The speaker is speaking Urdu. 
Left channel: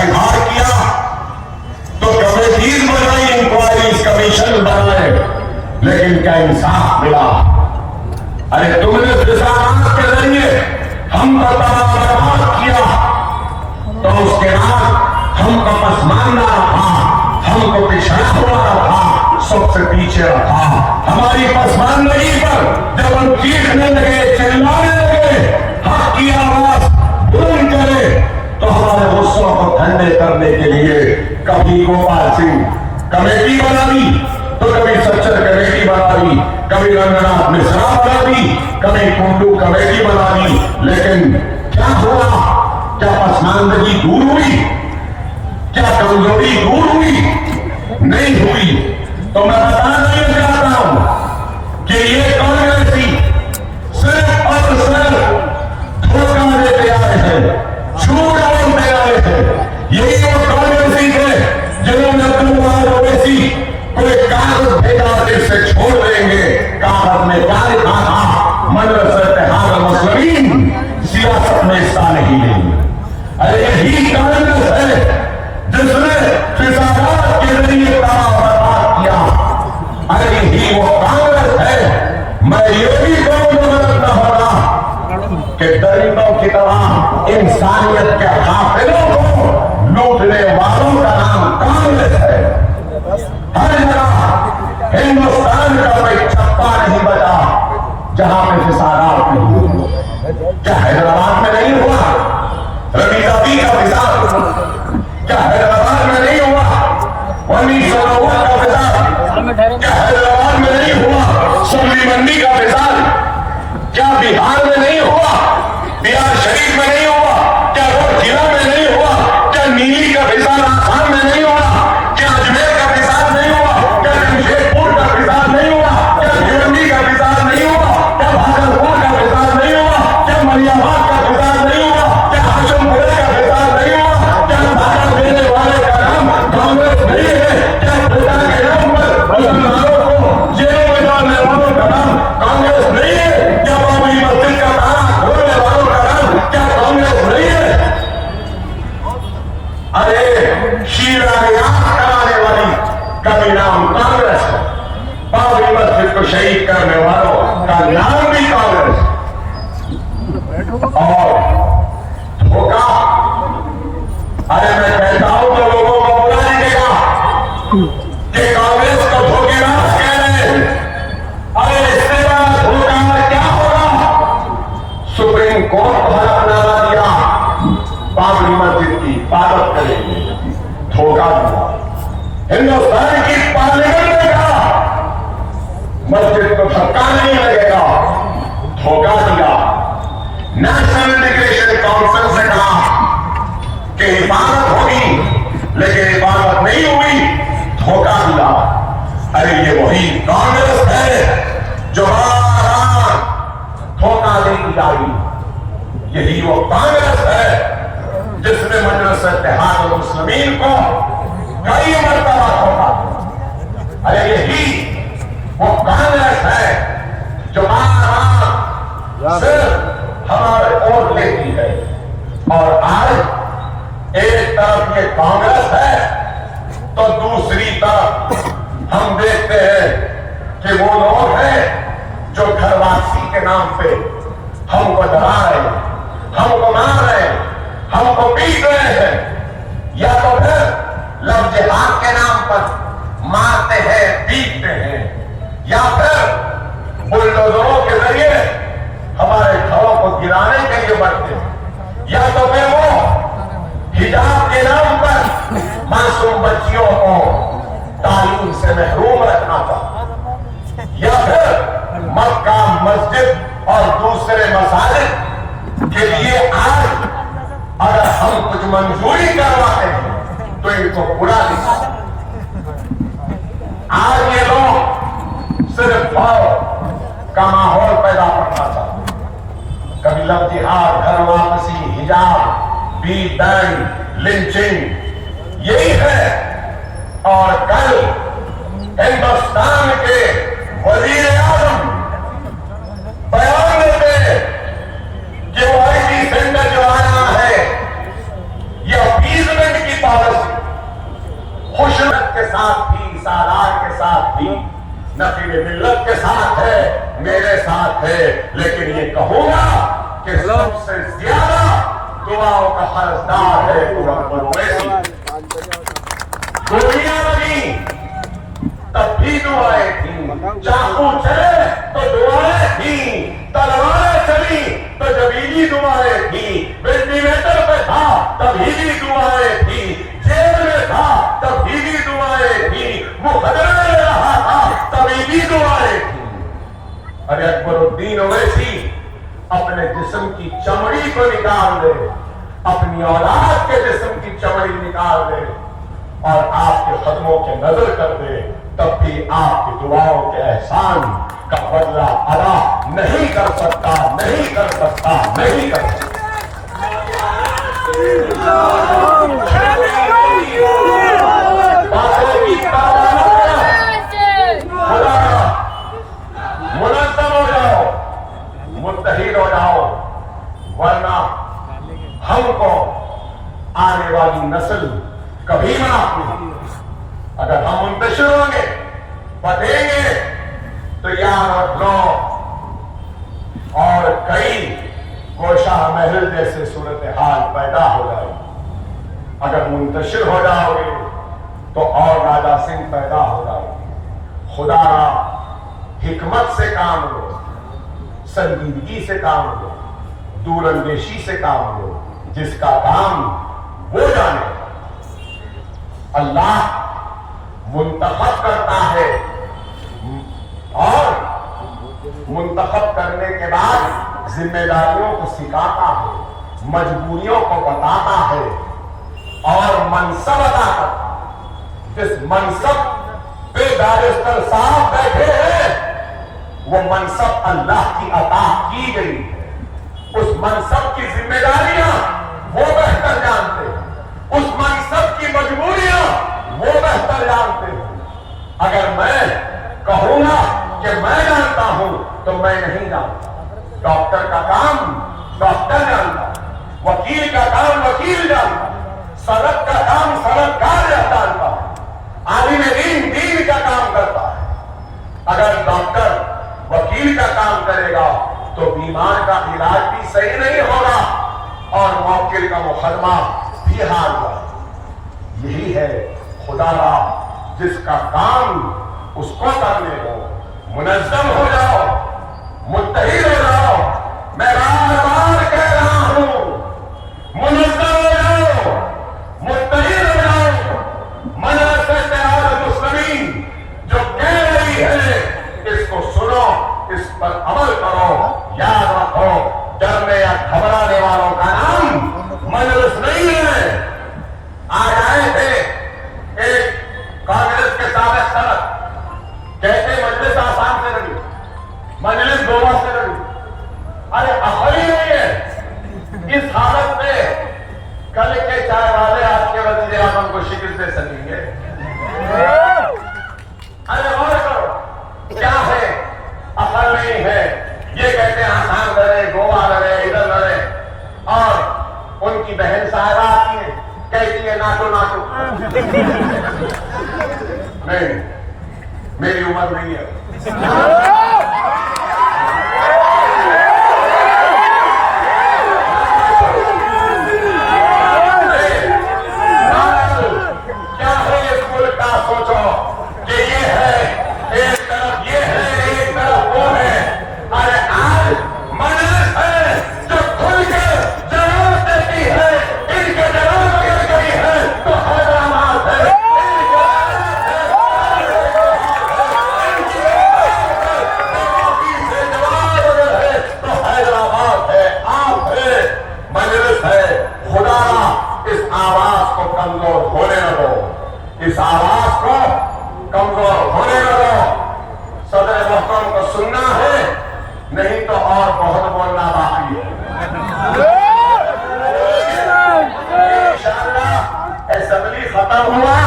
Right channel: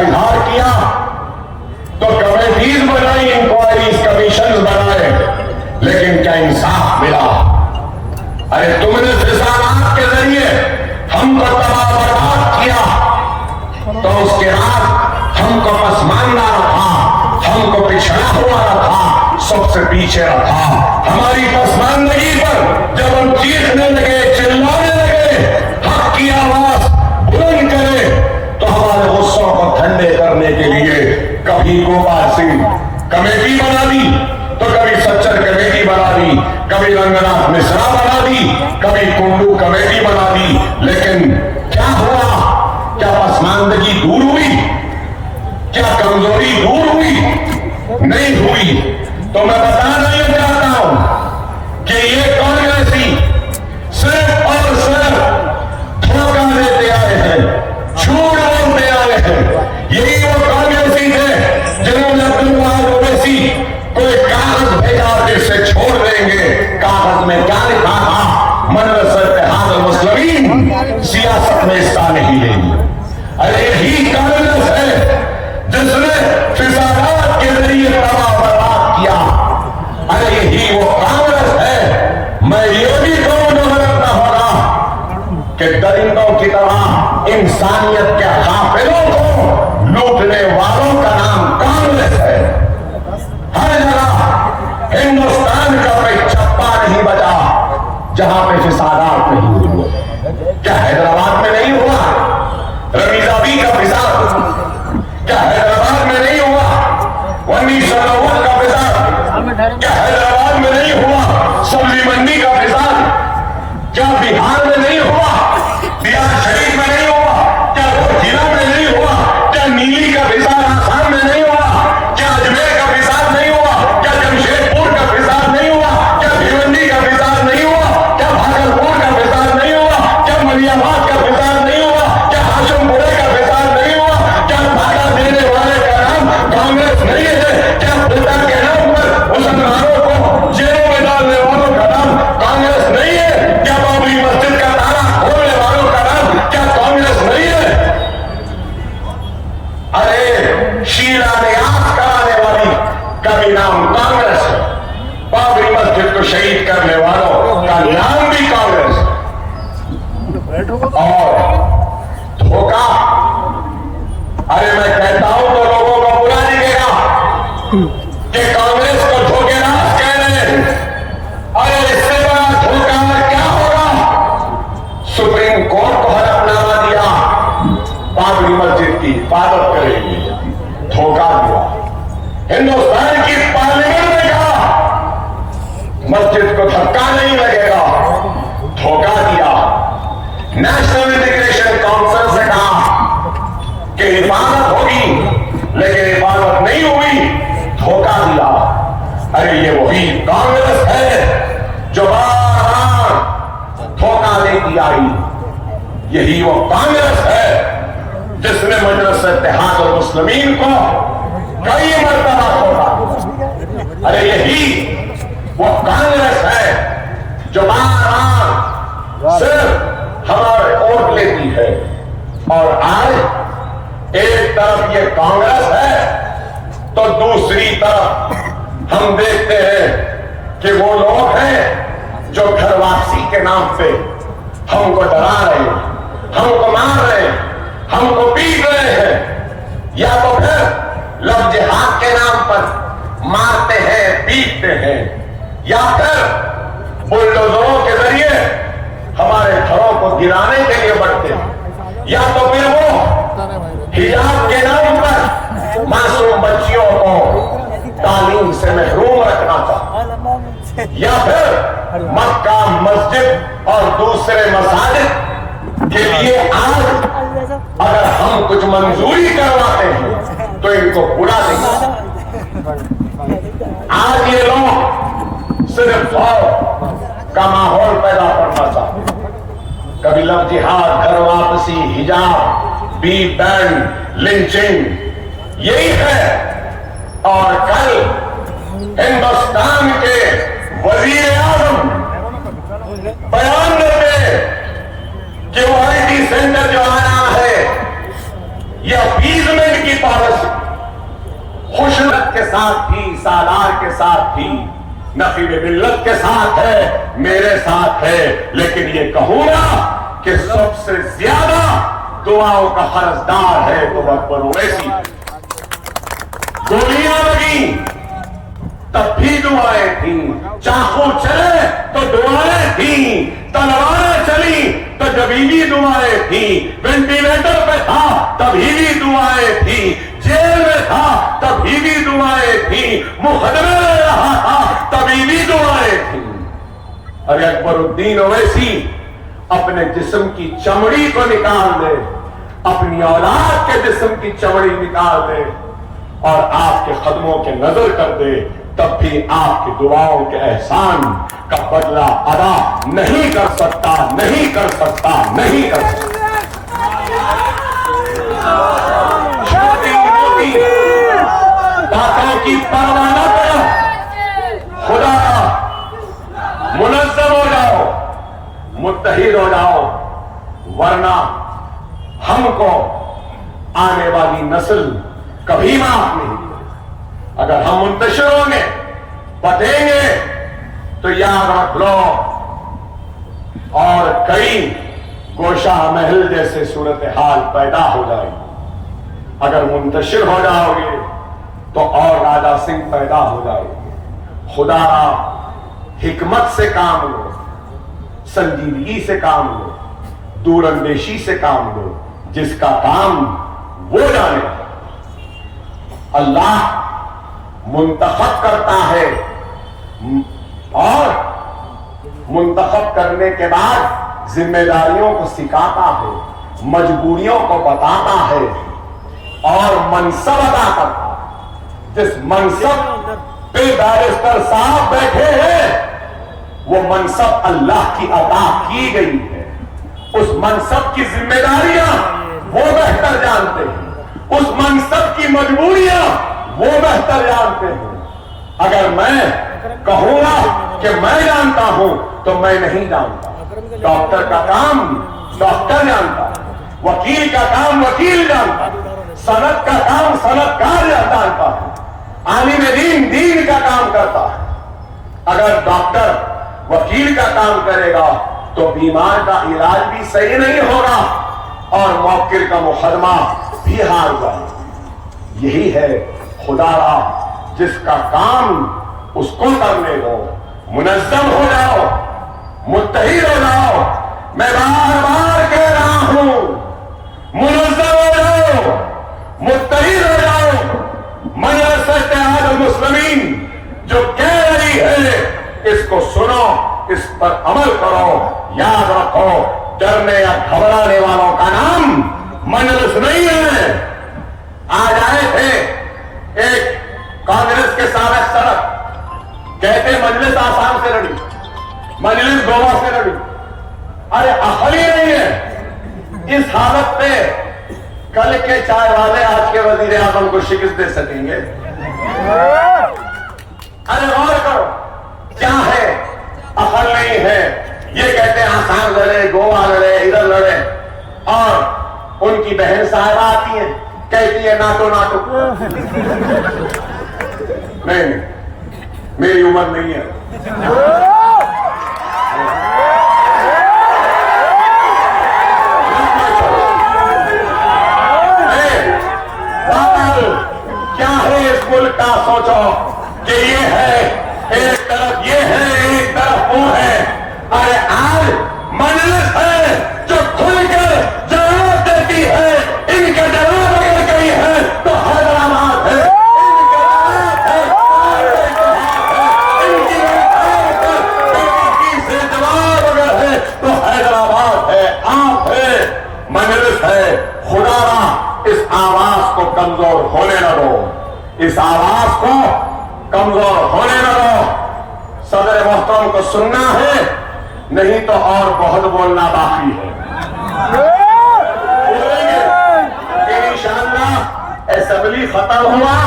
اظہار کیا تو کمیٹیز بنائی, انکوائریز کمیشن بنائے, لیکن کیا انصاف ملا؟ ارے تم نے فسادات کے ذریعے ہم کو تباہ برباد کیا, تو اس کے بعد ہم کو پسماندہ رکھا, ہم کو پچھڑا ہوا رکھا, سب سے پیچھے رکھا. ہماری پسماندگی پر جب ہم چیخنے لگے, چلانے لگے, حق کی آواز بلند کرے, تو ہمارے غصوں کو ٹھنڈے کرنے کے لیے کبھی گوپال سنگھ کمیٹی بنا دی, تو کبھی سچر کمیٹی بنا دی, کبھی رنگناتھ مشرا بنا دی, کبھی ٹنڈو کمیٹی بنا دی. لیکن کیا ہوا؟ کیا پسماندگی دور ہوئی؟ کیا کمزوری دور ہوئی؟ نہیں ہوئی. تو میں بتانا یہ چاہتا ہوں کہ یہ کانگریسی صرف اور صرف دھوکہ دیتے آئے ہیں, جھوٹ بولتے آئے ہیں. یہی وہ کانگریسی ہے جنہوں نے عبداللہ اویسی کوئی کاغذ بھیجا کے سے چھوڑ دیں گے. کاغذ میں کیا لکھا تھا؟ مجلس اتحاد المسلمین سیاست میں حصہ نہیں لیں گے. ارے یہی کانگریس ہے جس نے فسادات کے ذریعے تباہ برباد کیا. ارے یہی وہ کانگریس ہے. میں یہ بھی کرنا ہوگا کہ درندوں کی طرح انسانیت کے قافلوں کو لوٹنے والوں کا نام کانگریس ہے. ہر جگہ ہندوستان کا کوئی چپا نہیں بچا جہاں پہ فسادات نہیں ہوئے. کیا حیدرآباد میں نہیں ہوا روی ابھی کا فساد؟ کیا حیدرآباد میں نہیں ہوا 1990 کا فساد؟ کیا حیدرآباد میں نہیں ہوا سبزی منڈی کا فساد؟ کیا بہار میں نہیں ہوا؟ بہار شریف میں نہیں ہوا؟ کیا ضلع میں نہیں ہوا؟ کیا نیلی کا فساد آسام میں نہیں ہوا؟ کیا اجمیر کا فساد نہیں ہوا؟ کیا جمشیدپور کا فساد نہیں ہوا؟ کیا بھیونڈی کا فساد نہیں ہوا؟ کیا بھاگلپور کا فساد نہیں ہوا؟ کیا مریم آباد کا فساد نہیں ہوا؟ کیا ہاشم پورے کا فساد نہیں ہوا؟ کیا دھاکہ دینے والے کا نام کانگریس نہیں ہے؟ کیا ووٹر کے نام پر مسلمانوں کو جیلوں میں ڈالنے والوں کا نام کانگریس نہیں ہے؟ کیا بابری مسجد کا تالا کھولنے والوں کا نام کیا کانگریس نہیں ہے؟ ارے شیرہ ریاض کرانے والی کا بھی نام کانگریس ہے. بابری مسجد کو شہید کرنے والوں کا نام بھی کانگریس ہے. اور دھوکہ, ارے میں کہتا ہوں تو لوگوں کو برا نہیں گا کہ کانگریس کو دھوکے باز کہہ رہے ہیں. ارے اس سے بڑا دھوکہ کیا ہوگا؟ سپریم کورٹ کو حلف ڈالا دیا بابری مسجد کی حفاظت کریں گے, دھوکہ دیا. ہندوستان کی پارلیمنٹ نے کہا مسجد کو دھکا نہیں لگے گا, دھوکہ دیا. نیشنل انٹیگریشن کانفرنس نے کہا کہ حفاظت ہوگی لیکن حفاظت نہیں ہوئی, دھوکہ دیا. ارے یہ وہی کانگریس ہے جو بار بار دھوکہ دیتی آئی. یہی وہ کانگریس ہے جس نے مجلس اتحاد المسلمین کو کئی مرتبہ ہوگا. ارے یہی وہ کانگریس ہے جو صرف ہمارے ووٹ لیتی ہے. اور آج ایک طرف یہ کانگریس ہے تو دوسری طرف ہم دیکھتے ہیں کہ وہ لوگ ہیں جو گھر واپسی کے نام پہ ہم کو ڈرا رہے ہیں, ہم کو مار رہے ہیں, ہم کو پیٹ رہے ہیں, یا تو پھر لفظ جہاد کے نام پر مارتے ہیں, پیٹتے ہیں, یا پھر بلڈوزروں کے ذریعے ہمارے گھروں کو گرانے کے لیے بڑھتے ہیں, یا تو پھر وہ حجاب کے نام پر معصوم بچیوں کو تعلیم سے محروم رکھنا چاہتا, یا پھر مکہ مسجد اور دوسرے مساجد کے لیے آج اگر ہم کچھ منظوری کرواتے ہیں تو ان کو پورا نہیں. آج یہ لوگ صرف کا ماحول پیدا کرنا چاہتے ہیں. کبھی لفظ جہاد, گھر واپسی, حجاب, بیٹ بینڈ, لنچنگ, یہی ہے. اور کل ہندوستان کے وزیر اعظم بیان دیتے کہ وہ آئی ٹی سینٹر جو آیا ہے یہ اپیزمنٹ کی پالیسی خوشنط کے ساتھ تھی، سالار کے ساتھ تھی، نقیب ملت کے ساتھ ہے، میرے ساتھ ہے، لیکن یہ کہوں گا کہ سب سے زیادہ دعاؤں کا قرضدار ہے وہ اکبر اویسی۔ گولیاں لگی تب بھی دعائیں تھیں، چاقو چلے تو دعائیں تھیں، تلواریں چلی تو جبیلی دعائیں تھیں، وینٹیلیٹر پہ تھا تبھی بھی دعائیں تھیں، جیل میں تھا تبھی بھی دعائیں تھیں، مقدمے میں رہا تھا تبھی بھی دعائیں تھیں۔ ارے اکبر الدین اویسی اپنے جسم کی چمڑی کو نکال دے، اپنی اولاد کے جسم کی چمڑی نکال دے اور آپ کے قدموں کے نظر کر دے، تب بھی آپ کی دعاؤں کے احسان کا بدلہ ادا نہیں کر سکتا، نہیں کر سکتا، نہیں کر سکتا۔ قاتلوں کی پروانہ خدا منظم ہو جاؤ، متحد ہو جاؤ، ورنہ ہم کو آنے والی نسل کبھی معاف نہیں۔ اگر ہم منتشر ہوں گے، بتیں گے تو یاد رکھ لو اور کئی گوشہ محل جیسے صورتحال پیدا ہو جائے گی۔ اگر منتشر ہو جاؤ گے تو اور راجہ سنگھ پیدا ہو جاؤ گے۔ خدا کا حکمت سے کام لو، سنجیدگی سے کام لو، دور اندیشی سے کام لو، جس کا کام وہ جانے۔ اللہ منتخب کرتا ہے اور منتخب کرنے کے بعد ذمہ داریوں کو سکھاتا ہے، مجبوریوں کو بتاتا ہے اور منصب عطا کرتا ہے۔ جس منصب پہ بیرسٹر صاحب بیٹھے ہیں وہ منصب اللہ کی عطا کی گئی ہے، اس منصب کی ذمہ داریاں وہ بہتر جانتے ہیں، اس منصب کی مجبوریاں وہ بہتر جانتے ہیں۔ اگر میں کہوں گا کہ میں جانتا ہوں تو میں نہیں جانتا۔ ڈاکٹر کا کام ڈاکٹر جانتا، وکیل کا کام وکیل جانتا، صنعت کا کام صنعتکار جانتا، عالم دین دین کا کام کرتا ہے۔ اگر ڈاکٹر وکیل کا کام کرے گا تو بیمار کا علاج بھی صحیح نہیں ہوگا اور موکل کا مقدمہ بھی ہار جائے۔ یہی ہے خدا را، جس کا کام اس کو کرنے دو، منظم ہو جاؤ، متحد ہو جاؤ۔ میں بار بار کہہ رہا ہوں، منظم ہو جاؤ، متحد ہو جاؤ۔ مجلس اتحاد المسلمین جو کہہ رہی ہے اس کو سنو، اس پر عمل کرو۔ یاد رکھو، ڈرنے یا گھبرانے والوں کا نام مجلس نہیں ہے۔ آج آئے تھے ایک کانگریس کے سابق صدر، کہتے مجلس آسام سے لڑی، مجلس گوا سے لڑی۔ ارے عقل ہی نہیں ہے۔ اس حالت پہ کل کے چائے والے آج کے وزیر اعظم کو شکست دے سکیں گے؟ ارے غور کرو، کیا ہے؟ عقل نہیں ہے۔ یہ کہتے ہیں آسام لڑے، گوا لڑے، ادھر لڑے، اور ان کی بہن صاحبہ آتی ہے کہتی ہے ناٹو ناٹو۔ نہیں، میری عمر نہیں ہے۔ کیا ہے اس ملک کا؟ سوچو کہ یہ ہے ایک طرف، یہ ہے ایک طرف وہ ہے۔ ارے آج مجلس ہے جو کھل کر جواب دیتی ہے، ان کا جواب اگر کہیں ہے تو حیدرآباد ہے، ان کی سے جواب اگر ہے تو حیدرآباد ہے، آپ ہے، مجلس ہے۔ خدا را اس آواز کو کمزور ہونے نہ دو، اس آواز کو کمزور ہونے نہ دو۔ صدر محترم کو سننا ہے، نہیں تو اور بہت بولنا باقی ہے۔ انشاءاللہ اسمبلی ختم ہوا